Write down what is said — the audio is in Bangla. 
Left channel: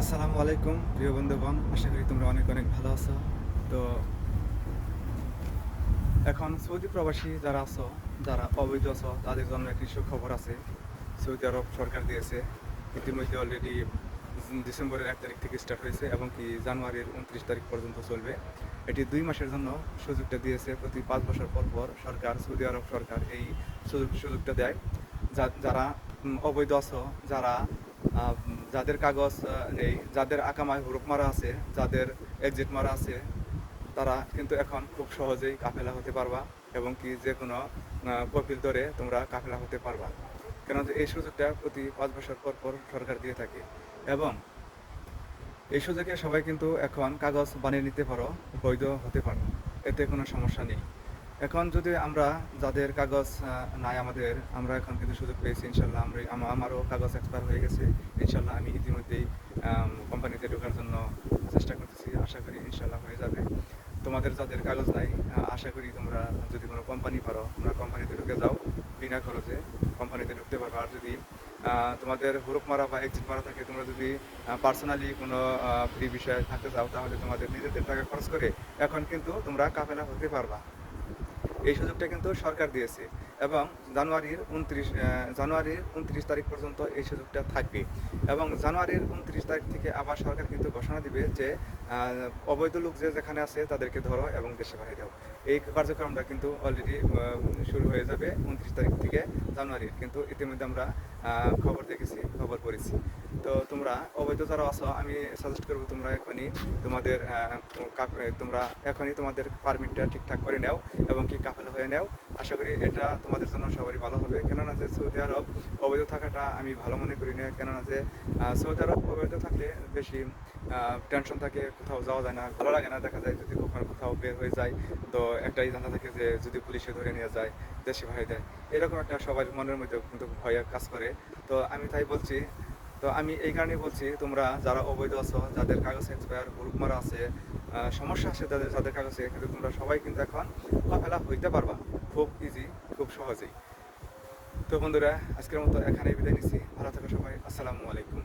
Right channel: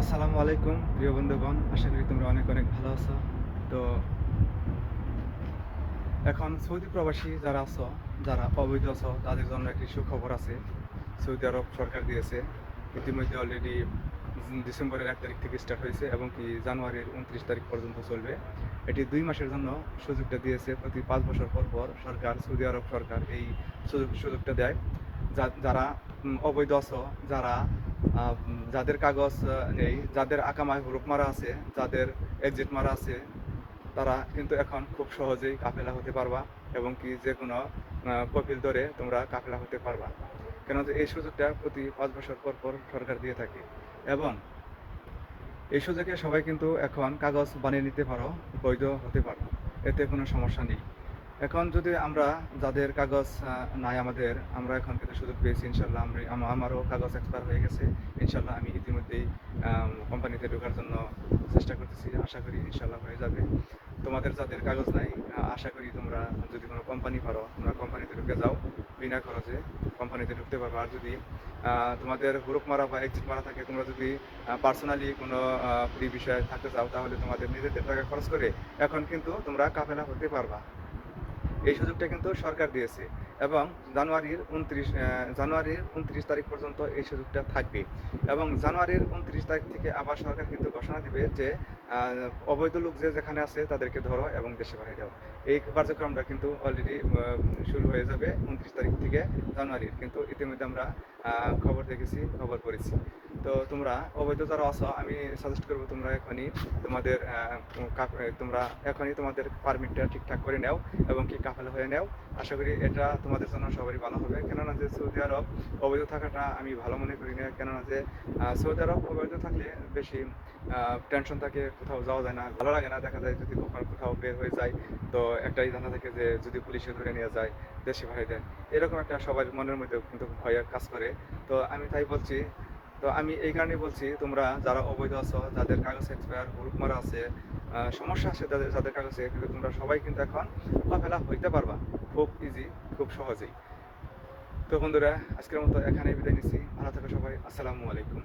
আসসালামু আলাইকুম, প্রিয় বন্ধুগণ, আশা করি তোমরা অনেক অনেক ভালো আছো। তো, এখন সৌদি প্রবাসী যারা আছো, যারা অবৈধ আছো, তাদের জন্য একটি সুখবর আছে। সৌদি আরব সরকার দিয়েছে, ইতিমধ্যে অলরেডি ডিসেম্বরের এক তারিখ থেকে স্টার্ট হয়েছে এবং কি জানুয়ারির উনত্রিশ তারিখ পর্যন্ত চলবে। এটি দুই মাসের জন্য সুযোগটা দিয়েছে, প্রতি পাঁচ বছর পর পর সরকার, সৌদি আরব সরকার এই সুযোগ সুযোগটা দেয় যারা অবৈধ আছো, যারা যাদের কাগজ নেই, যাদের আকামায় হুরুপ মারা আছে, যাদের এক্সিট মারা আছে, তারা কিন্তু এখন খুব সহজেই কাফেলা হতে পারবা এবং কি যে কোনো কপিল ধরে তোমরা কাফেলা হতে পারবা। কেন এই সুযোগটা প্রতি পাঁচ বছর পর পর সরকার দিয়ে থাকে। এবং এই সুযোগে সবাই কিন্তু এখন কাগজ বানিয়ে নিতে পারো, বৈধ হতে পারো, এতে কোনো সমস্যা নেই। এখন যদি আমরা যাদের কাগজ নাই আমাদের, আমরা এখন কিন্তু সুযোগ পেয়েছি, ইনশাল্লাহ আমরা আমারও কাগজ এক্সপায়ার হয়ে গেছে। ইনশাল্লাহ আমি ইতিমধ্যেই কোম্পানিতে ঢোকার জন্য চেষ্টা করতেছি, আশা করি ইনশাল্লাহ হয়ে যাবে। তোমাদের যাদের কাগজ নাই আশা করি তোমরা যদি কোনো কোম্পানি পারো, তোমরা কোম্পানিতে ঢুকে যাও। বিনা খরচে কোম্পানিতে ঢুকতে পারবে। আর যদি তোমাদের হুরুপ মারা বা এক্সিট মারা থাকে, তোমরা যদি পার্সোনালি কোনো ফ্রি বিষয়ে থাকতে চাও, তাহলে তোমাদের নিজেদের টাকা খরচ করে এখন কিন্তু তোমরা কাফেলা হতে পারবা। এই সুযোগটা কিন্তু সরকার দিয়েছে এবং জানুয়ারির উনত্রিশ জানুয়ারির উনত্রিশ তারিখ পর্যন্ত এই সুযোগটা থাকবে। এবং জানুয়ারির উনত্রিশ তারিখ থেকে আবার সরকার কিন্তু ঘোষণা দিবে যে অবৈধ লোক যে যেখানে আছে তাদেরকে ধরো এবং দেশে পাঠিয়ে দাও। এই কার্যক্রমটা কিন্তু অলরেডি শুরু হয়ে যাবে উনত্রিশ তারিখ থেকে জানুয়ারির কিন্তু ইতিমধ্যে আমরা খবর দেখেছি, খবর পড়েছি। তো তোমরা অবৈধ যারা আছো, আমি সাজেস্ট করব তোমরা এখনই তোমাদের তোমরা এখনই তোমাদের পারমিটটা ঠিকঠাক করে নাও এবং কি কাফেলা হয়ে নাও। আশা করি এটা তোমাদের জন্য সবারই ভালো হবে। কেননা যে সৌদি আরব অবৈধ থাকাটা আমি ভালো মনে করি না। কেননা যে সৌদি আরব অবৈধ থাকলে বেশি টেনশন থাকে কোথাও যাওয়া যায় না, ভালো লাগে না, দেখা যায় যদি কখনো কোথাও বের হয়ে যায়। তো একটাই জানা থাকে যে যদি পুলিশে ধরে নিয়ে যায়, দেশে ভয় দেয়। এরকম একটা সবার মনের মধ্যে কিন্তু ভয় কাজ করে। তো আমি তাই বলছি, তো আমি এই কারণে বলছি, তোমরা যারা অবৈধ আছো, যাদের কাগজ এক্সপায়ার গ্রুপ মারা আছে সমস্যা আছে যাদের যাদের কাগজে, কিন্তু তোমরা সবাই কিন্তু এখন মোকাবেলা হইতে পারবা। খুব ইজি খুব সহজেই। তো বন্ধুরা, আজকের মতো এখানেই বিদায় নিচ্ছি। ভালো থাকো সবাই। আসসালামু আলাইকুম।